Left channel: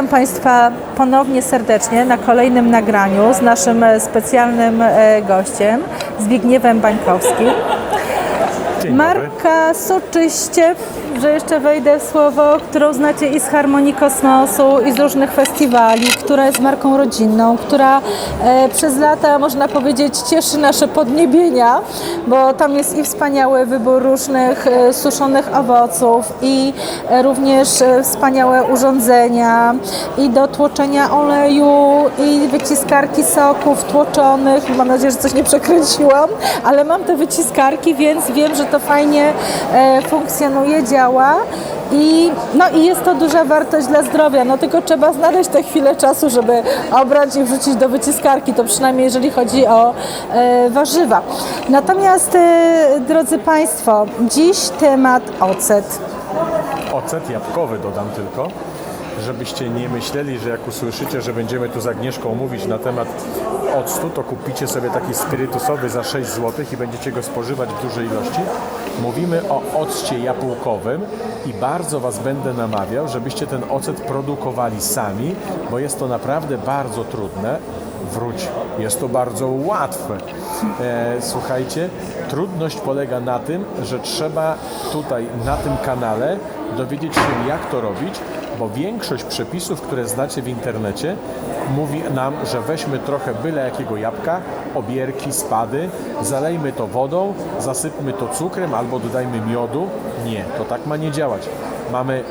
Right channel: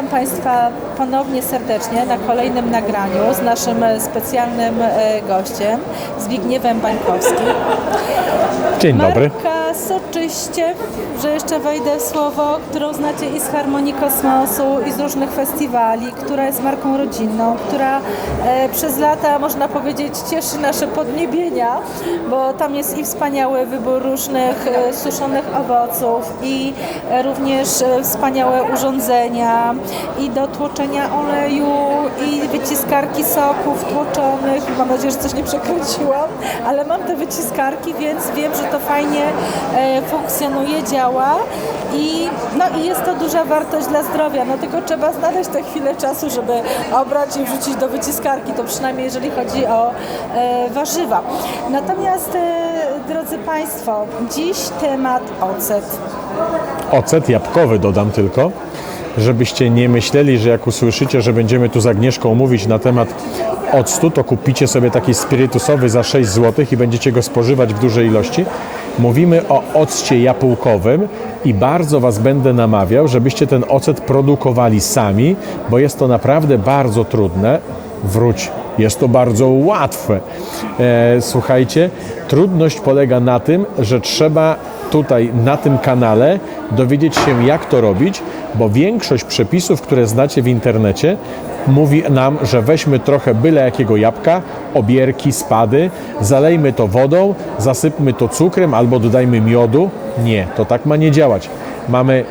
Witam Państwa ponownie serdecznie na kolejnym nagraniu z naszym e, specjalnym e, gościem Zbigniewem Bańkowskim. Dzień dobry. Marka Soczyście, że jeszcze wejdę w słowo, którą znacie i z Harmonii Kosmosu, i z różnych festiwali, która jest marką rodzinną, która e, przez lata, można powiedzieć, cieszy nasze podniebienia, bo tam jest i wspaniały wybór różnych e, suszonych owoców, i e, również e, wspaniałe urządzenia, i do tłoczenia oleju, i wyciskarki soków tłoczonych. Mam nadzieję, że coś nie przekręciłam, ale mam te wyciskarki, więc wiem, że to fajnie funkcjonuje, działa i, no, i jest to duża wartość dla zdrowia. No tylko trzeba znaleźć tę chwilę czasu, żeby obrać i wrzucić do wyciskarki, to przynajmniej jeżeli chodzi o e, warzywa. Natomiast, e, drodzy Państwo, dziś temat ocet. Ocet jabłkowy dodam tylko, żebyście nie myśleli, że jak usłyszycie, że będziemy tu z Agnieszką mówić na temat octu, to kupicie sobie taki spirytusowy za 6 zł i będziecie go spożywać w dużej ilości. Mówimy o occie jabłkowym i bardzo Was będę namawiał, żebyście ten ocet produkowali sami, bo jest to naprawdę bardzo trudne. Wróć, jest to bardzo łatwe. E, słuchajcie, trudność polega na tym, że trzeba tutaj na tym kanale dowiedzieć się, jak to robić, bo większość przepisów, które znacie w internecie, mówi nam, że weźmy trochę byle jakiego jabłka, obierki, spady, zalejmy to wodą, zasypmy to cukrem albo dodajmy miodu. Nie, to tak ma nie działać. Mamy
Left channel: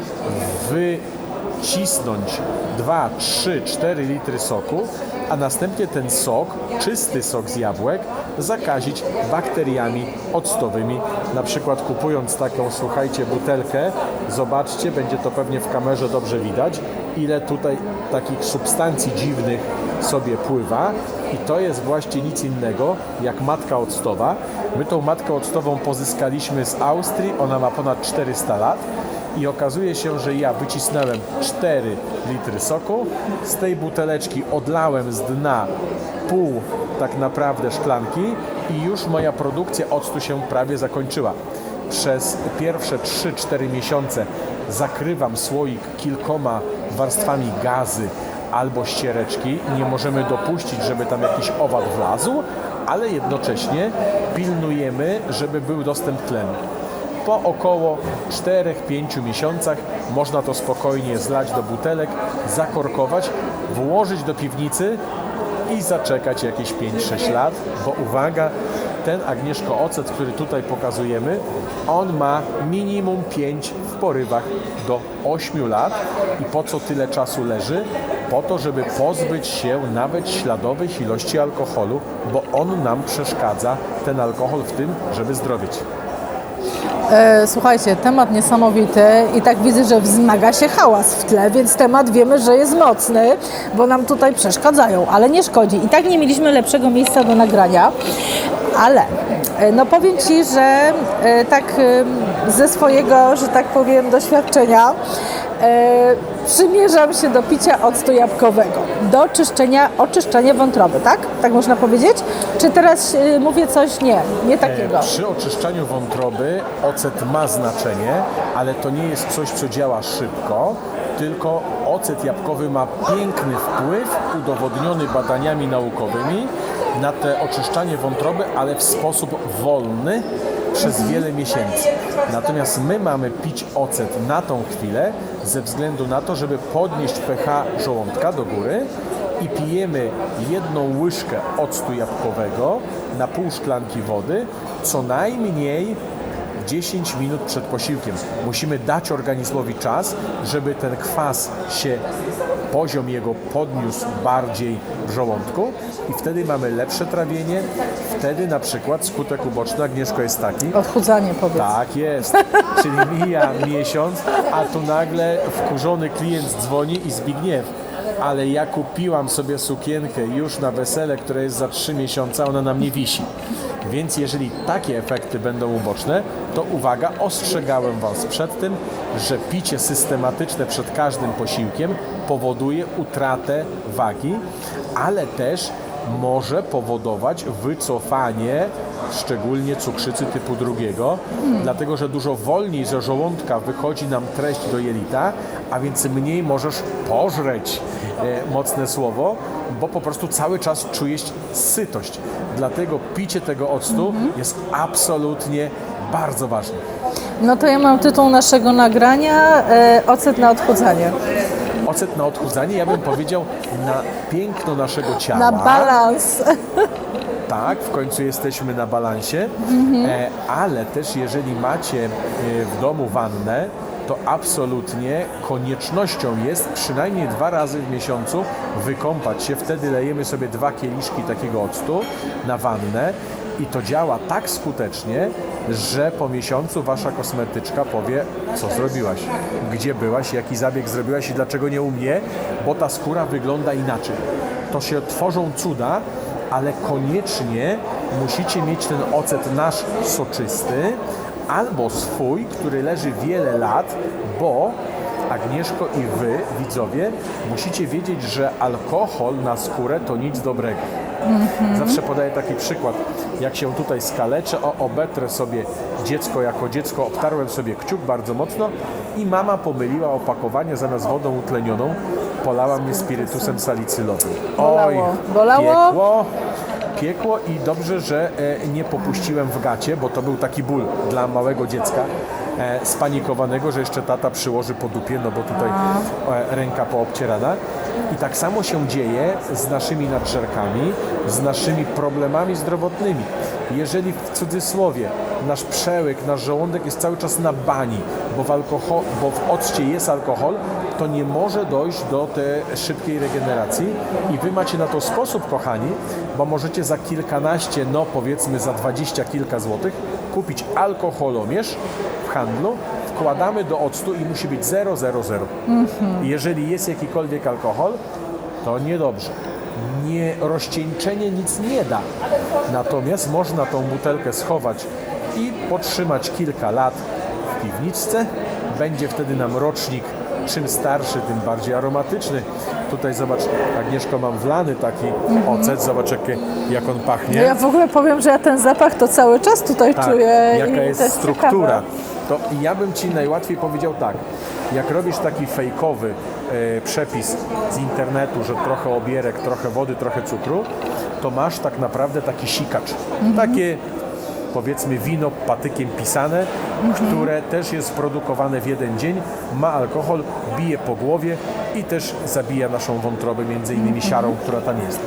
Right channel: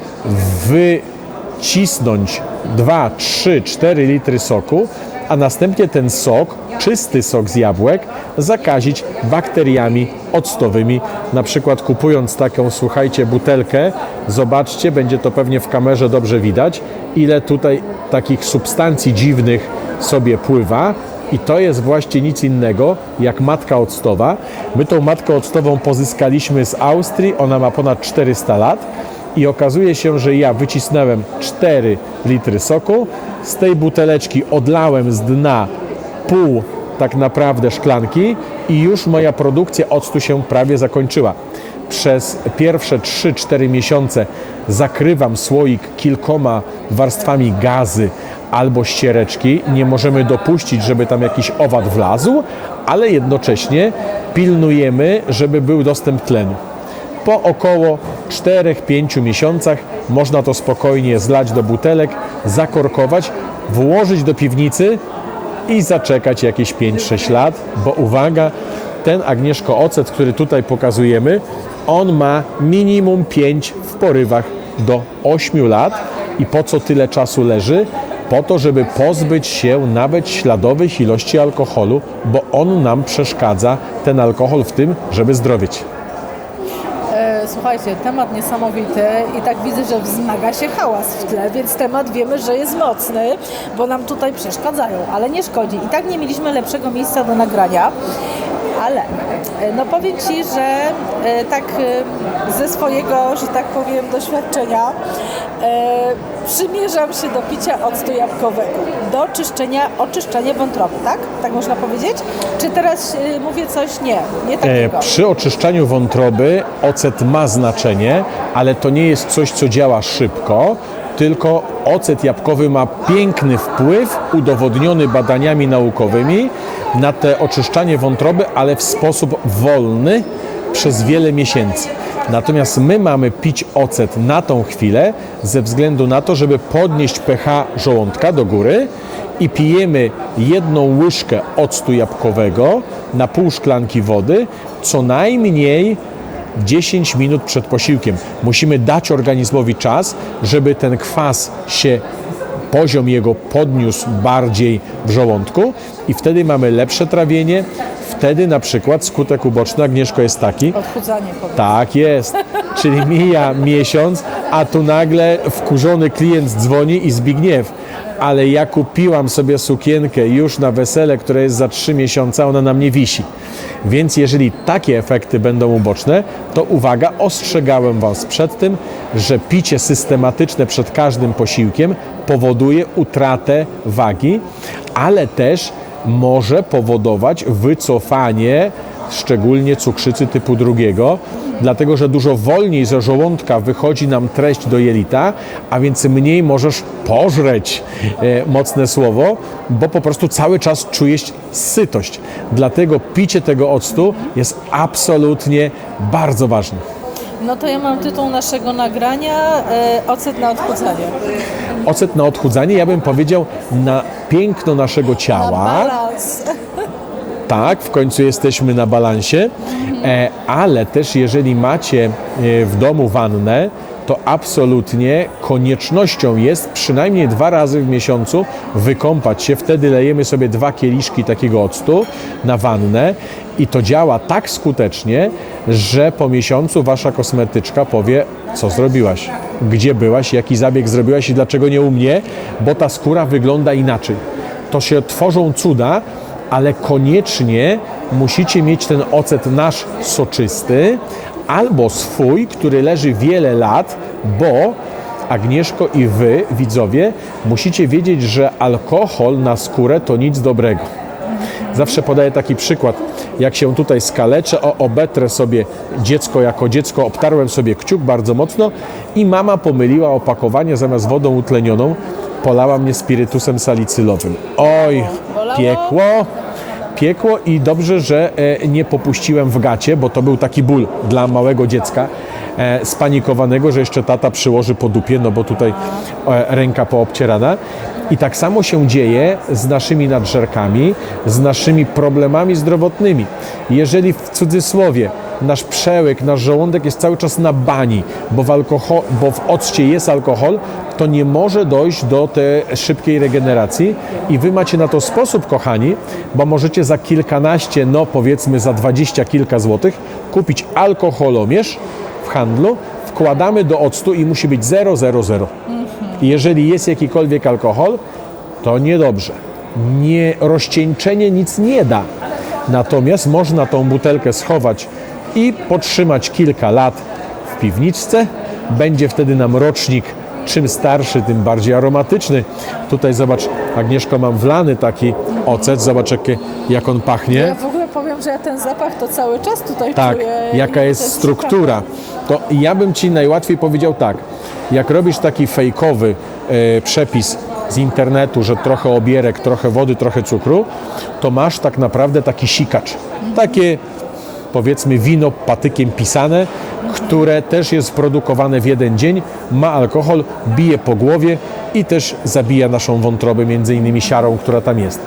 wycisnąć 2, 3, 4 litry soku, a następnie ten sok, czysty sok z jabłek, zakazić bakteriami octowymi. Na przykład kupując taką, słuchajcie, butelkę, zobaczcie, będzie to pewnie w kamerze dobrze widać, ile tutaj takich substancji dziwnych sobie pływa. I to jest właśnie nic innego jak matka octowa. My tą matkę octową pozyskaliśmy z Austrii, ona ma ponad 400 lat. I okazuje się, że ja wycisnąłem 4 litry soku, z tej buteleczki odlałem z dna pół tak naprawdę szklanki i już moja produkcja octu się prawie zakończyła. Przez pierwsze 3-4 miesiące zakrywam słoik kilkoma warstwami gazy albo ściereczki. Nie możemy dopuścić, żeby tam jakiś owad wlazł, ale jednocześnie pilnujemy, żeby był dostęp tlenu. Po około 4-5 miesiącach można to spokojnie zlać do butelek, zakorkować, włożyć do piwnicy i zaczekać jakieś 5-6 lat, bo uwaga, ten Agnieszko ocet, który tutaj pokazujemy, on ma minimum 5 w porywach do 8 lat. I po co tyle czasu leży? Po to, żeby pozbyć się nawet śladowych ilości alkoholu, bo on nam przeszkadza, ten alkohol w tym, żeby zdrowieć. E, Słuchajcie, temat niesamowity i tak widzę, że wzmaga się hałas w tle, więc temat wiemy, że jest mocny, bo nam tutaj przeszkadzają, ale nie szkodzi. I tak nie mieliśmy lepszego miejsca do nagrania, ale e, no powiem Ci, że e, tak e, ze swojego, że tak powiem, doświadczenia przymierzam się do picia octu jabłkowego, do czyszczenia, oczyszczenia wątroby, tak? Tak można powiedzieć? Czy teraz e, mówię coś? Nie, nie takiego. E, Przy oczyszczaniu wątroby ocet ma znaczenie, ale to nie jest coś, co działa szybko, tylko ocet jabłkowy ma piękny wpływ, udowodniony badaniami naukowymi, na te oczyszczanie wątroby, ale w sposób wolny przez wiele miesięcy. Natomiast my mamy pić ocet na tą chwilę ze względu na to, żeby podnieść pH żołądka do góry i pijemy jedną łyżkę octu jabłkowego na pół szklanki wody, co najmniej 10 minut przed posiłkiem. Musimy dać organizmowi czas, żeby ten kwas się, poziom jego podniósł bardziej w żołądku i wtedy mamy lepsze trawienie. Wtedy na przykład skutek uboczny, Agnieszko, jest taki, Odchudzanie powiedz. tak jest. Czyli mija miesiąc, a tu nagle wkurzony klient dzwoni i Zbigniew. Ale ja kupiłam sobie sukienkę już na wesele, które jest za 3 miesiące, ona na mnie wisi. Więc jeżeli takie efekty będą uboczne, to uwaga, ostrzegałem Was przed tym, że picie systematyczne przed każdym posiłkiem powoduje utratę wagi, ale też może powodować wycofanie szczególnie cukrzycy typu drugiego, dlatego że dużo wolniej ze żołądka wychodzi nam treść do jelita, a więc mniej możesz pożreć, e, mocne słowo, bo po prostu cały czas czujesz sytość. Dlatego picie tego octu jest absolutnie bardzo ważne. No to ja mam tytuł naszego nagrania e, Ocet na odchudzanie. Ocet na odchudzanie, ja bym powiedział, na piękno naszego ciała. Na balans. Tak, w końcu jesteśmy na balansie, e, ale też jeżeli macie e, w domu wannę, to absolutnie koniecznością jest przynajmniej dwa razy w miesiącu wykąpać się. Wtedy lejemy sobie dwa kieliszki takiego octu na wannę i to działa tak skutecznie, że po miesiącu wasza kosmetyczka powie, co zrobiłaś, gdzie byłaś, jaki zabieg zrobiłaś i dlaczego nie u mnie, bo ta skóra wygląda inaczej. To się tworzą cuda, ale koniecznie musicie mieć ten ocet nasz soczysty albo swój, który leży wiele lat, bo Agnieszko i wy, widzowie, musicie wiedzieć, że alkohol na skórę to nic dobrego. Zawsze podaję taki przykład. Jak się tutaj skaleczę, o, obetrę sobie dziecko jako dziecko, obtarłem sobie kciuk bardzo mocno i mama pomyliła opakowanie zamiast wodą utlenioną, polała mnie spirytusem salicylowym. Oj, Bolało? piekło, piekło i dobrze, że e, nie popuściłem w gacie, bo to był taki ból dla małego dziecka spanikowanego, że jeszcze tata przyłoży po dupie, no bo tutaj e, ręka poobcierana. I tak samo się dzieje z naszymi nadżerkami, z naszymi problemami zdrowotnymi. Jeżeli w cudzysłowie nasz przełyk, nasz żołądek jest cały czas na bani, bo w, alkohol, bo w occie jest alkohol, to nie może dojść do tej szybkiej regeneracji i wy macie na to sposób, kochani, bo możecie za kilkanaście, no powiedzmy za dwadzieścia kilka złotych kupić alkoholomierz handlu, wkładamy do octu i musi być 0,00. I Jeżeli jest jakikolwiek alkohol, to niedobrze. Nie, rozcieńczenie nic nie da. Natomiast można tą butelkę schować i potrzymać kilka lat w piwniczce. Będzie wtedy nam rocznik czym starszy, tym bardziej aromatyczny. Tutaj zobacz, Agnieszko, mam wlany taki ocet. Zobacz, jak, jak on pachnie. Ja w ogóle powiem, że ja ten zapach to cały czas tutaj Tak, czuję. jaka jest struktura. To ja bym Ci najłatwiej powiedział tak, jak robisz taki fejkowy e, przepis z internetu, że trochę obierek, trochę wody, trochę cukru, to masz tak naprawdę taki sikacz. Takie powiedzmy wino patykiem pisane, które też jest produkowane w jeden dzień, ma alkohol, bije po głowie i też zabija naszą wątrobę, między innymi siarą, która tam jest.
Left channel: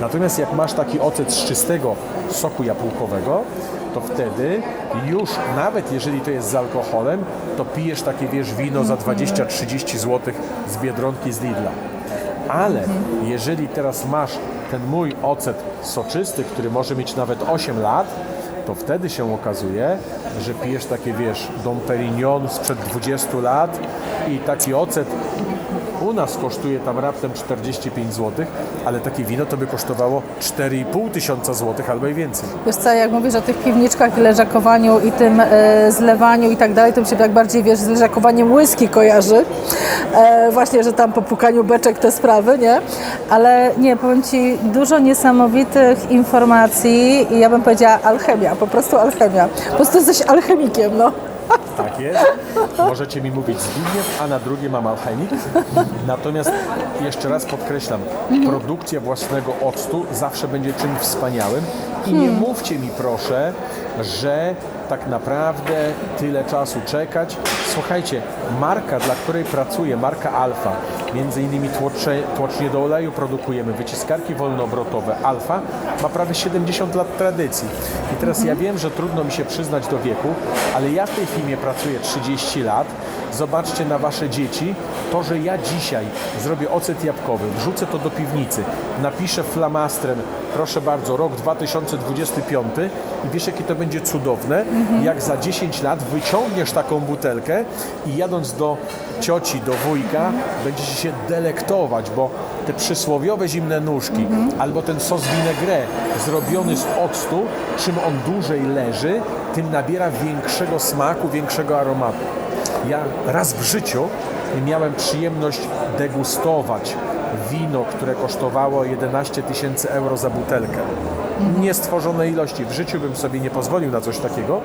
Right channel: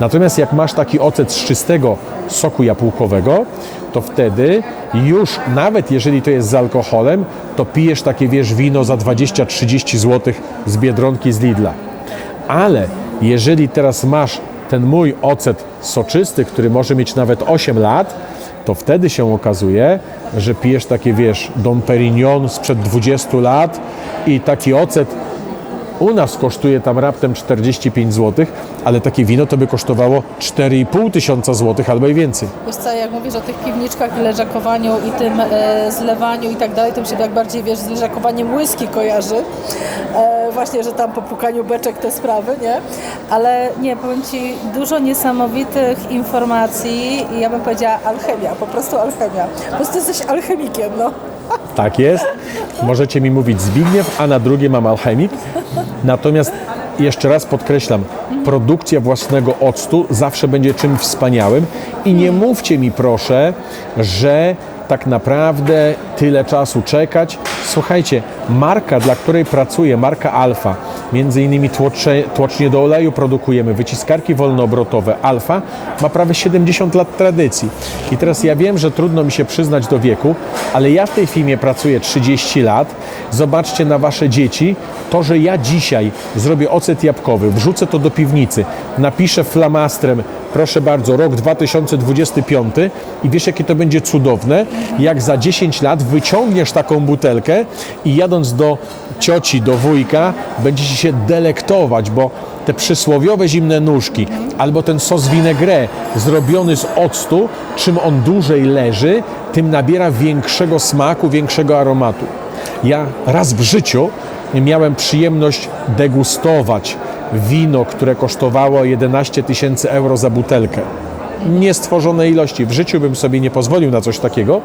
Natomiast jak masz taki ocet z czystego soku jabłkowego, to wtedy już nawet jeżeli to jest z alkoholem, to pijesz takie wiesz wino za 20-30 zł z Biedronki z Lidla. Ale jeżeli teraz masz ten mój ocet soczysty, który może mieć nawet 8 lat, to wtedy się okazuje, że pijesz takie, wiesz, Dom Perignon sprzed 20 lat i taki ocet u nas kosztuje tam raptem 45 zł, ale takie wino to by kosztowało 4,5 tysiąca złotych albo i więcej. Wiesz co, jak mówisz o tych piwniczkach i leżakowaniu i tym e, zlewaniu i tak dalej, to mi się tak bardziej, wiesz, z leżakowaniem whisky kojarzy. E, właśnie, że tam po pukaniu beczek te sprawy, nie? Ale nie, powiem Ci, dużo niesamowitych informacji i ja bym powiedziała alchemia, po prostu alchemia. Po prostu jesteś alchemikiem, no. Tak jest. Możecie mi mówić Zbigniew, a na drugie mam alchemik. Natomiast jeszcze raz podkreślam, produkcja własnego octu zawsze będzie czymś wspaniałym i nie mówcie mi proszę, że tak naprawdę tyle czasu czekać. Słuchajcie, marka, dla której pracuję, marka Alfa, między innymi tłocze, tłocznie do oleju produkujemy, wyciskarki wolnoobrotowe. Alfa ma prawie 70 lat tradycji. I teraz ja wiem, że trudno mi się przyznać do wieku, ale ja w tej firmie pracuję 30 lat. Zobaczcie na wasze dzieci. To, że ja dzisiaj zrobię ocet jabłkowy, wrzucę to do piwnicy, napiszę flamastrem, proszę bardzo, rok 2025 i wiesz, jakie to będzie cudowne, jak za 10 lat wyciągniesz taką butelkę i jadąc do cioci, do wujka, będziecie się delektować, bo te przysłowiowe zimne nóżki albo ten sos vinaigrette zrobiony z octu, czym on dłużej leży, tym nabiera większego smaku, większego aromatu. Ja raz w życiu miałem przyjemność degustować wino, które kosztowało 11 tysięcy euro za butelkę. niestworzone ilości. W życiu bym sobie nie pozwolił na coś takiego,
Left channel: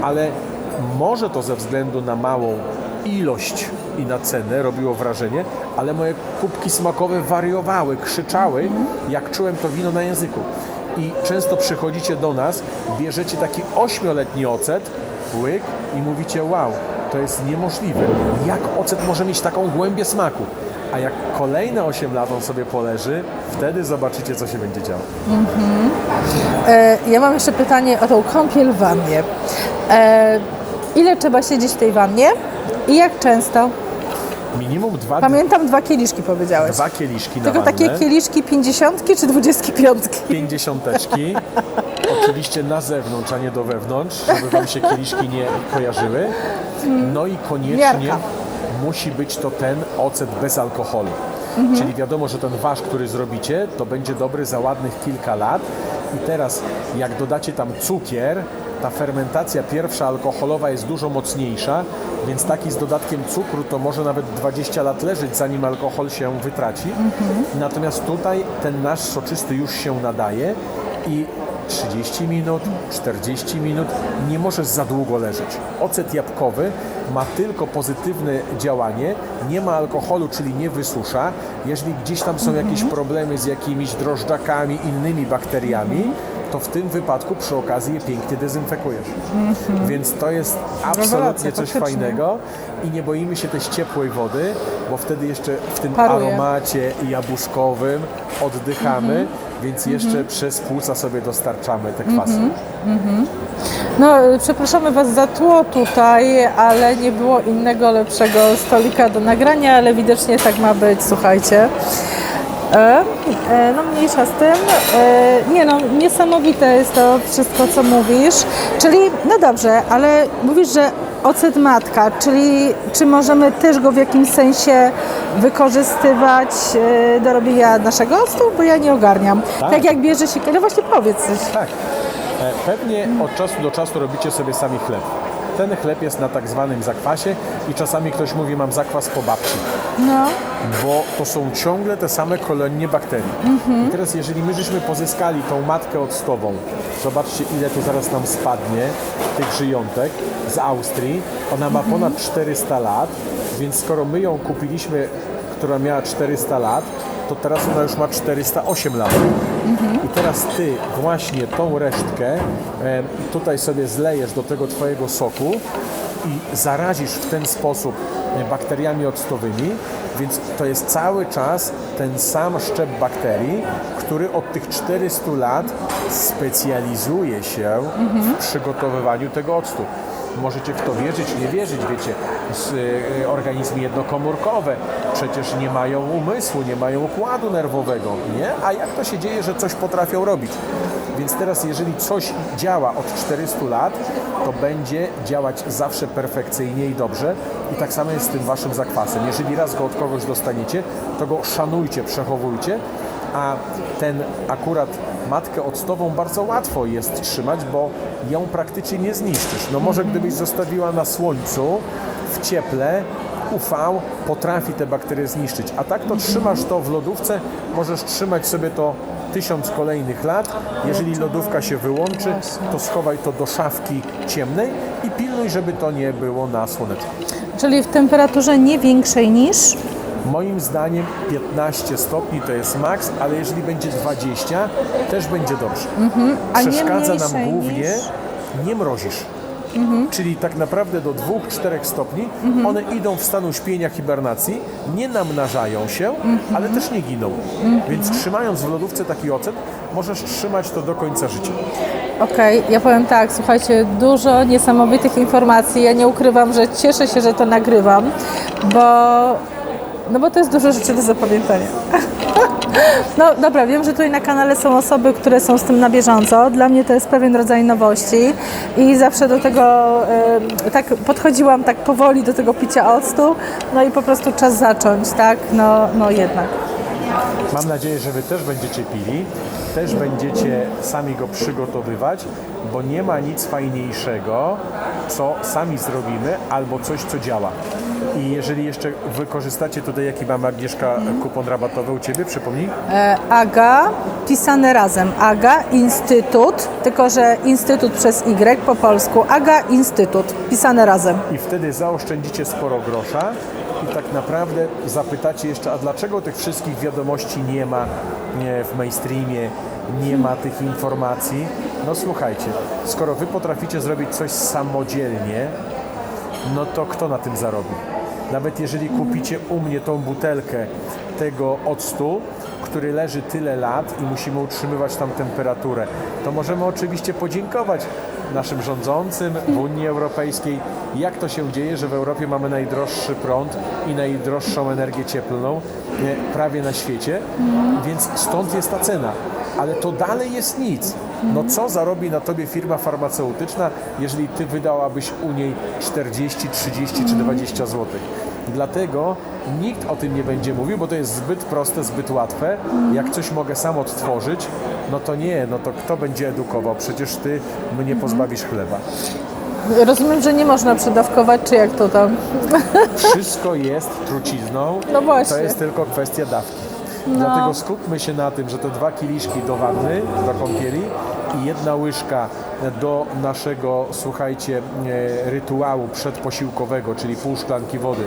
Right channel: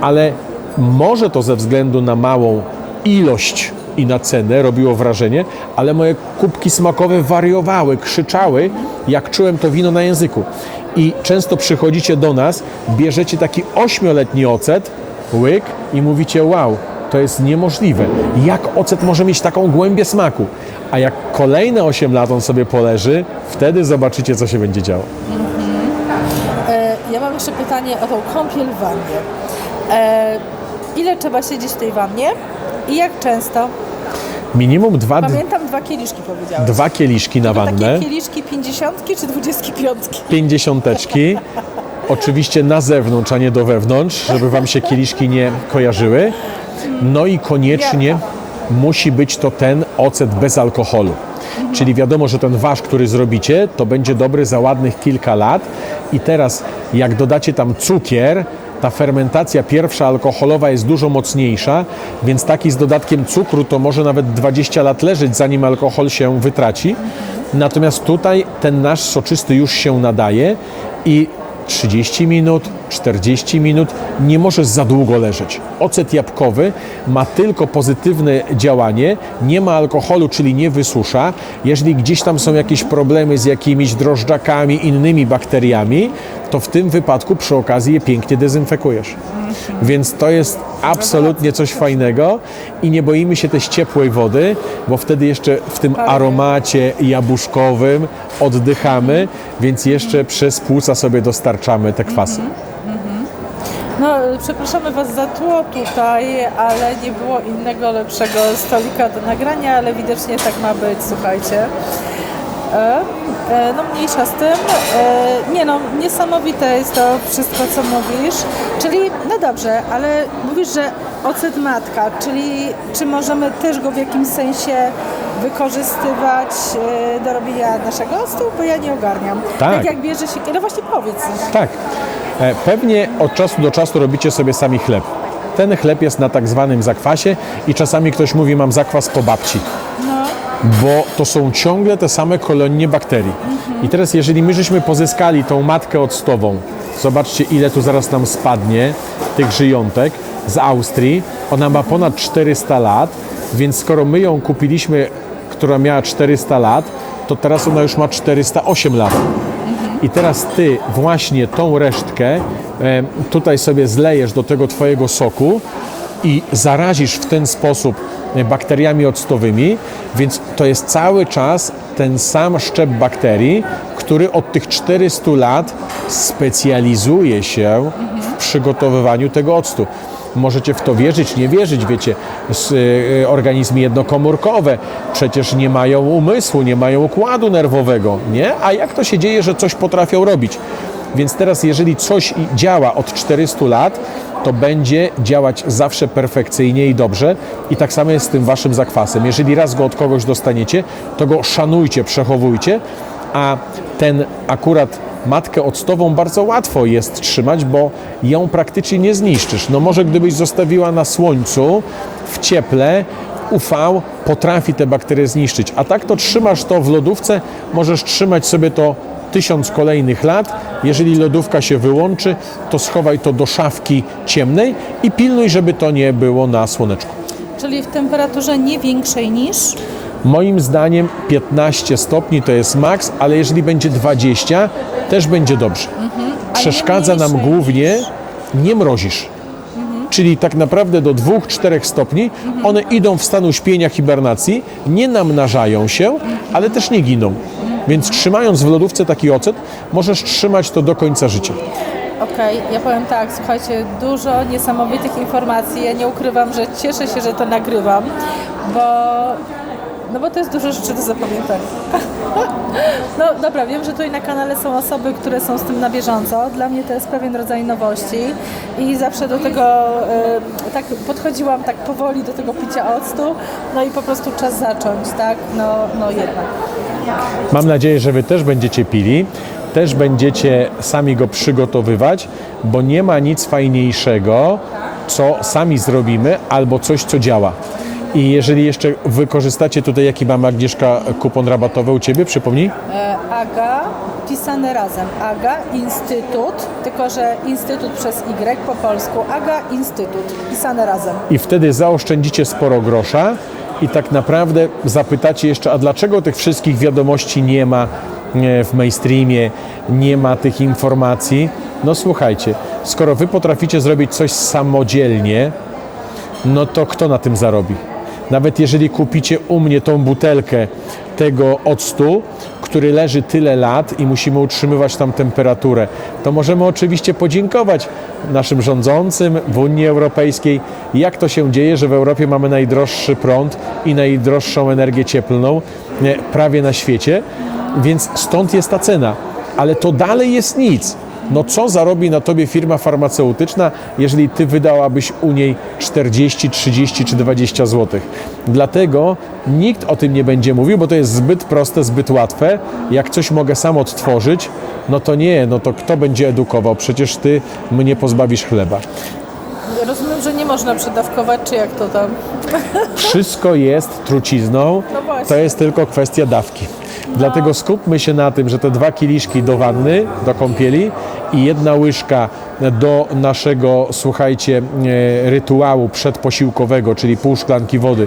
ale może to ze względu na małą ilość i na cenę robiło wrażenie, ale moje kubki smakowe wariowały, krzyczały, jak czułem to wino na języku. I często przychodzicie do nas, bierzecie taki ośmioletni ocet, łyk i mówicie wow, to jest niemożliwe. Jak ocet może mieć taką głębię smaku? A jak kolejne 8 lat on sobie poleży, wtedy zobaczycie, co się będzie działo. E, Ja mam jeszcze pytanie o tą kąpiel w wannie. E, ile trzeba siedzieć w tej wannie i jak często? Minimum dwa, Pamiętam dwa kieliszki powiedziałeś. dwa kieliszki na wannę. takie kieliszki pięćdziesiątki czy dwudziestki pięćdziesiąteczki. Oczywiście na zewnątrz, a nie do wewnątrz, żeby wam się kieliszki nie kojarzyły. No i koniecznie Miarka. Musi być to ten ocet bez alkoholu. Czyli wiadomo, że ten wasz, który zrobicie, to będzie dobry za ładnych kilka lat. I teraz, jak dodacie tam cukier, ta fermentacja pierwsza alkoholowa jest dużo mocniejsza, więc taki z dodatkiem cukru to może nawet 20 lat leżeć, zanim alkohol się wytraci. Natomiast tutaj ten nasz soczysty już się nadaje i 30 minut, 40 minut nie może za długo leżeć. Ocet jabłkowy ma tylko pozytywne działanie, nie ma alkoholu, czyli nie wysusza. Jeżeli gdzieś tam są jakieś problemy z jakimiś drożdżakami, innymi bakteriami, to w tym wypadku przy okazji je pięknie dezynfekujesz. Więc to jest absolutnie coś fajnego i nie boimy się też ciepłej wody, bo wtedy jeszcze w tym aromacie jabłuszkowym oddychamy, więc jeszcze przez płuca sobie dostarczamy te kwasy. No, przepraszamy Was za tło tutaj, ale nie było innego lepszego stolika do nagrania, ale widocznie tak ma być, słuchajcie. E, e, no mniejsza z tym. E, nie no, niesamowite jest to wszystko, co mówisz. Czyli, no dobrze, ale mówisz, że ocet matka, czyli czy możemy też go w jakimś sensie wykorzystywać e, do robienia naszego octu? Bo ja nie ogarniam. Tak. tak jak bierze się, ale właśnie powiedz coś. Tak. Pewnie od czasu do czasu robicie sobie sami chleb. Ten chleb jest na tak zwanym zakwasie i czasami ktoś mówi, mam zakwas po babci. Bo to są ciągle te same kolonie bakterii. I teraz jeżeli my żeśmy pozyskali tą matkę octową, zobaczcie ile tu zaraz nam spadnie tych żyjątek z Austrii. Ona ma ponad 400 lat, więc skoro my ją kupiliśmy, która miała 400 lat, to teraz ona już ma 408 lat. I teraz ty właśnie tą resztkę tutaj sobie zlejesz do tego twojego soku i zarazisz w ten sposób bakteriami octowymi, więc to jest cały czas ten sam szczep bakterii, który od tych 400 lat specjalizuje się w przygotowywaniu tego octu. Możecie w to wierzyć, nie wierzyć, wiecie, s- y, organizmy jednokomórkowe przecież nie mają umysłu, nie mają układu nerwowego, nie? A jak to się dzieje, że coś potrafią robić? Więc teraz, jeżeli coś działa od 400 lat, to będzie działać zawsze perfekcyjnie i dobrze. I tak samo jest z tym waszym zakwasem. Jeżeli raz go od kogoś dostaniecie, to go szanujcie, przechowujcie, a ten akurat matkę octową bardzo łatwo jest trzymać, bo ją praktycznie nie zniszczysz. No może gdybyś zostawiła na słońcu, w cieple, UV potrafi te bakterie zniszczyć. A tak to trzymasz to w lodówce, możesz trzymać sobie to tysiąc kolejnych lat. Jeżeli lodówka się wyłączy, to schowaj to do szafki ciemnej i pilnuj, żeby to nie było na słoneczku. Czyli w temperaturze nie większej niż Moim zdaniem 15 stopni to jest maks, ale jeżeli będzie 20, też będzie dobrze. Nie Przeszkadza nam głównie, nie mrozisz. Czyli tak naprawdę do 2-4 stopni one idą w stan uśpienia hibernacji, nie namnażają się, ale też nie giną. Więc trzymając w lodówce taki ocet, możesz trzymać to do końca życia. Okej, ja powiem tak, słuchajcie, dużo niesamowitych informacji. Ja nie ukrywam, że cieszę się, że to nagrywam, bo, no bo to jest dużo rzeczy do zapamiętania. No dobra, wiem, że tutaj na kanale są osoby, które są z tym na bieżąco. Dla mnie to jest pewien rodzaj nowości i zawsze do tego y, tak podchodziłam tak powoli do tego picia octu, no i po prostu czas zacząć, tak? No, no jednak. Mam nadzieję, że Wy też będziecie pili, też będziecie sami go przygotowywać, bo nie ma nic fajniejszego, co sami zrobimy, albo coś, co działa. I jeżeli jeszcze wykorzystacie tutaj, jaki mamy Agnieszka kupon rabatowy u Ciebie, przypomnij? E, AGA, pisane razem. AGA, Instytut, tylko że Instytut przez Y po polsku. AGA, Instytut, pisane razem. I wtedy zaoszczędzicie sporo grosza i tak naprawdę zapytacie jeszcze, a dlaczego tych wszystkich wiadomości nie ma e, w mainstreamie, nie ma tych informacji? No słuchajcie, skoro wy potraficie zrobić coś samodzielnie, no to kto na tym zarobi? Nawet jeżeli kupicie u mnie tą butelkę tego octu, który leży tyle lat i musimy utrzymywać tam temperaturę, to możemy oczywiście podziękować naszym rządzącym w Unii Europejskiej, jak to się dzieje, że w Europie mamy najdroższy prąd i najdroższą energię cieplną prawie na świecie, więc stąd jest ta cena. Ale to dalej jest nic. No co zarobi na tobie firma farmaceutyczna, jeżeli ty wydałabyś u niej 40, 30 czy 20 zł? Dlatego nikt o tym nie będzie mówił, bo to jest zbyt proste, zbyt łatwe. Jak coś mogę sam odtworzyć, no to nie, no to kto będzie edukował? Przecież ty mnie pozbawisz chleba. Rozumiem, że nie można przedawkować, czy jak to tam? Wszystko jest trucizną, No właśnie. to jest tylko kwestia dawki. Dlatego skupmy się na tym, że te dwa kieliszki do wanny, do kąpieli i jedna łyżka do naszego, słuchajcie, e, rytuału przedposiłkowego, czyli pół szklanki wody,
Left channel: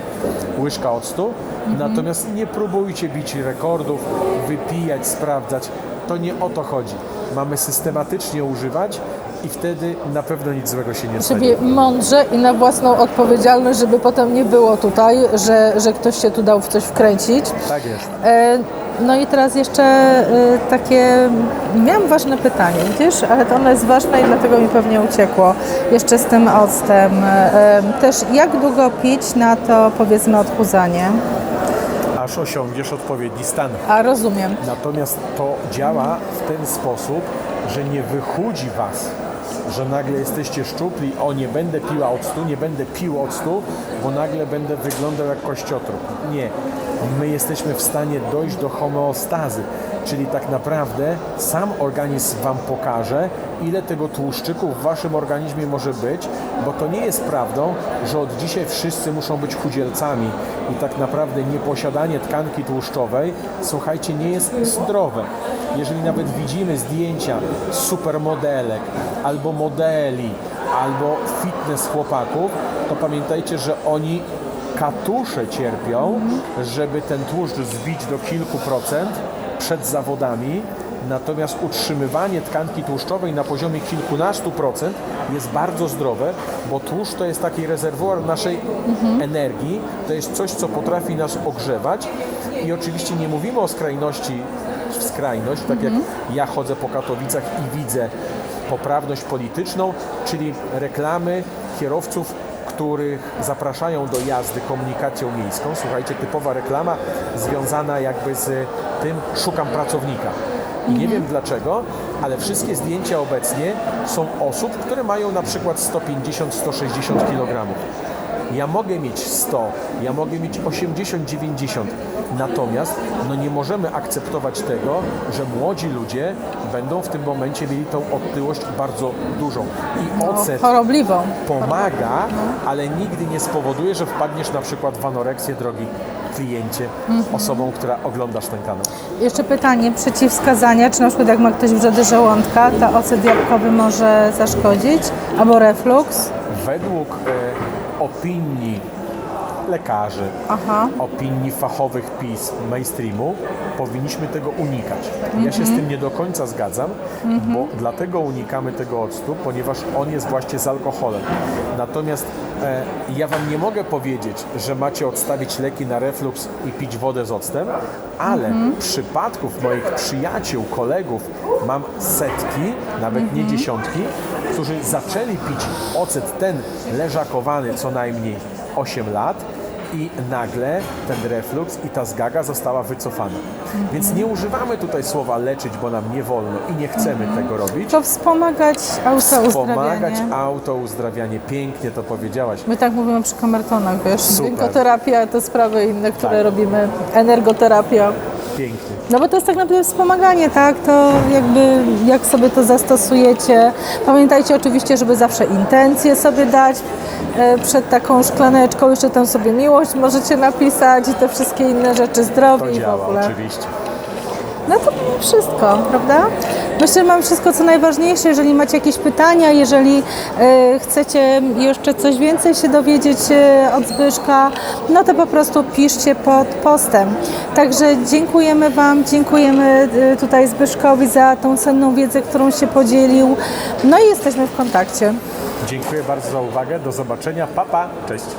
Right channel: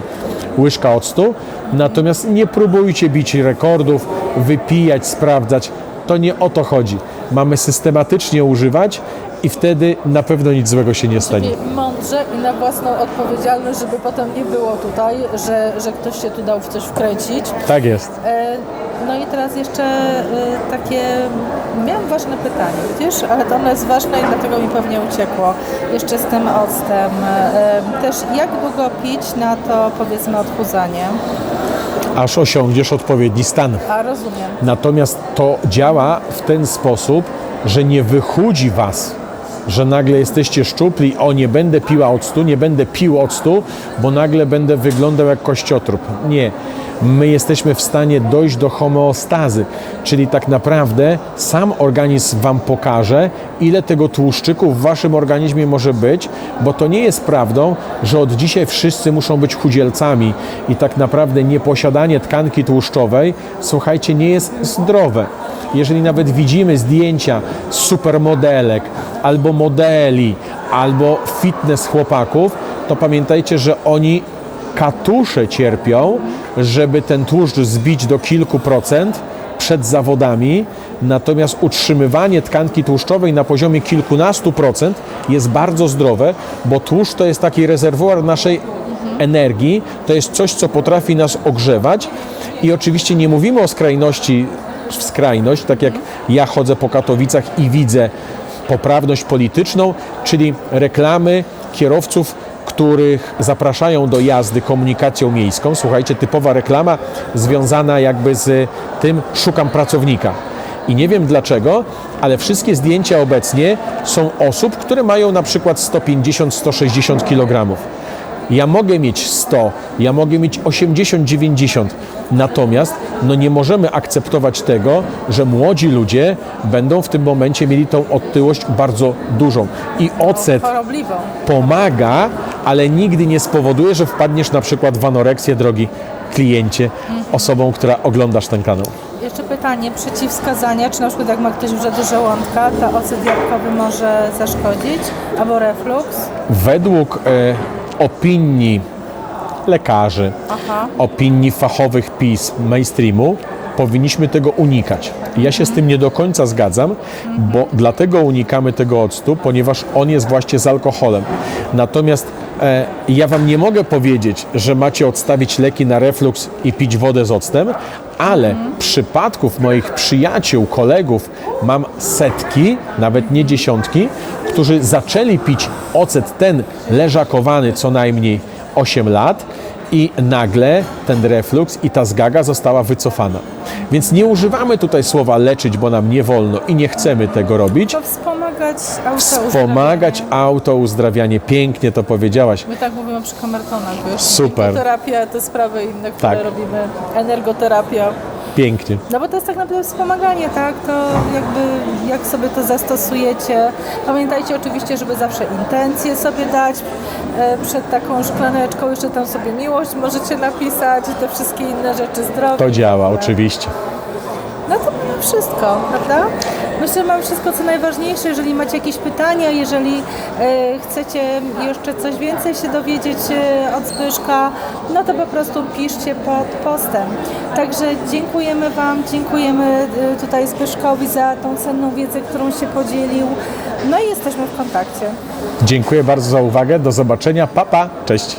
łyżka octu. Natomiast nie próbujcie bić rekordów, wypijać, sprawdzać. To nie o to chodzi. Mamy systematycznie używać i wtedy na pewno nic złego się nie stanie. Mądrze i na własną odpowiedzialność, żeby potem nie było tutaj, że, że ktoś się tu dał w coś wkręcić. Tak jest. E, No i teraz jeszcze e, takie, miałam ważne pytanie, wiesz, ale to ono jest ważne i dlatego mi pewnie uciekło jeszcze z tym octem. E, Też jak długo pić na to powiedzmy odchudzanie? Aż osiągniesz odpowiedni stan. A rozumiem. Natomiast to działa w ten sposób, że nie wychudzi was, że nagle jesteście szczupli, o nie będę piła octu, nie będę pił octu, bo nagle będę wyglądał jak kościotrup. Nie. My jesteśmy w stanie dojść do homeostazy, czyli tak naprawdę sam organizm wam pokaże, ile tego tłuszczyku w waszym organizmie może być, bo to nie jest prawdą, że od dzisiaj wszyscy muszą być chudzielcami i tak naprawdę nieposiadanie tkanki tłuszczowej, słuchajcie, nie jest zdrowe. Jeżeli nawet widzimy zdjęcia supermodelek, albo modeli, albo fitness chłopaków, to pamiętajcie, że oni katusze cierpią, żeby ten tłuszcz zbić do kilku procent przed zawodami, natomiast utrzymywanie tkanki tłuszczowej na poziomie kilkunastu procent jest bardzo zdrowe, bo tłuszcz to jest taki rezerwuar naszej energii, to jest coś, co potrafi nas ogrzewać. I oczywiście nie mówimy o skrajności w skrajność, tak jak ja chodzę po Katowicach i widzę poprawność polityczną, czyli reklamy kierowców, których zapraszają do jazdy komunikacją miejską. Słuchajcie, typowa reklama związana jakby z tym szukam pracownika. I nie wiem dlaczego, ale wszystkie zdjęcia obecnie są osób, które mają na przykład 150-160 kg. Ja mogę mieć 100, ja mogę mieć 80, 90. Natomiast no nie możemy akceptować tego, że młodzi ludzie będą w tym momencie mieli tą otyłość bardzo dużą. I ocet Chorobliwą. pomaga, ale nigdy nie spowoduje, że wpadniesz na przykład w anoreksję, drogi kliencie, osobą, która oglądasz ten kanał. Jeszcze pytanie, przeciwwskazania, czy na przykład jak ma ktoś wrzedy żołądka, to ocet jabłkowy może zaszkodzić, albo refluks? Według e, opinii lekarzy, opinii fachowych pism mainstreamu, powinniśmy tego unikać. Ja się z tym nie do końca zgadzam, bo dlatego unikamy tego octu, ponieważ on jest właśnie z alkoholem. Natomiast e, ja Wam nie mogę powiedzieć, że macie odstawić leki na refluks i pić wodę z octem, ale przypadków moich przyjaciół, kolegów mam setki, nawet nie dziesiątki, którzy zaczęli pić ocet ten leżakowany co najmniej 8 lat i nagle ten refluks i ta zgaga została wycofana. Więc nie używamy tutaj słowa leczyć, bo nam nie wolno i nie chcemy tego robić. To wspomagać autouzdrawianie. Wspomagać autouzdrawianie. Pięknie to powiedziałaś. My tak mówimy przy kamertonach, wiesz? Super. Terapia to sprawy inne, które Tak. robimy. Energoterapia. Pięknie. No bo to jest tak naprawdę wspomaganie, tak? To jakby jak sobie to zastosujecie. Pamiętajcie oczywiście, żeby zawsze intencje sobie dać e, przed taką szklaneczką, jeszcze tam sobie miłość możecie napisać i te wszystkie inne rzeczy zdrowe. To działa, oczywiście. No to wszystko, prawda? Że mam wszystko, co najważniejsze. Jeżeli macie jakieś pytania, jeżeli e, chcecie jeszcze coś więcej się dowiedzieć e, od Zbyszka, no to po prostu piszcie pod postem. Także dziękujemy Wam, dziękujemy e, tutaj Zbyszkowi za tą cenną wiedzę, którą się podzielił. No i jesteśmy w kontakcie. Dziękuję bardzo za uwagę. Do zobaczenia. Papa. Pa. Cześć.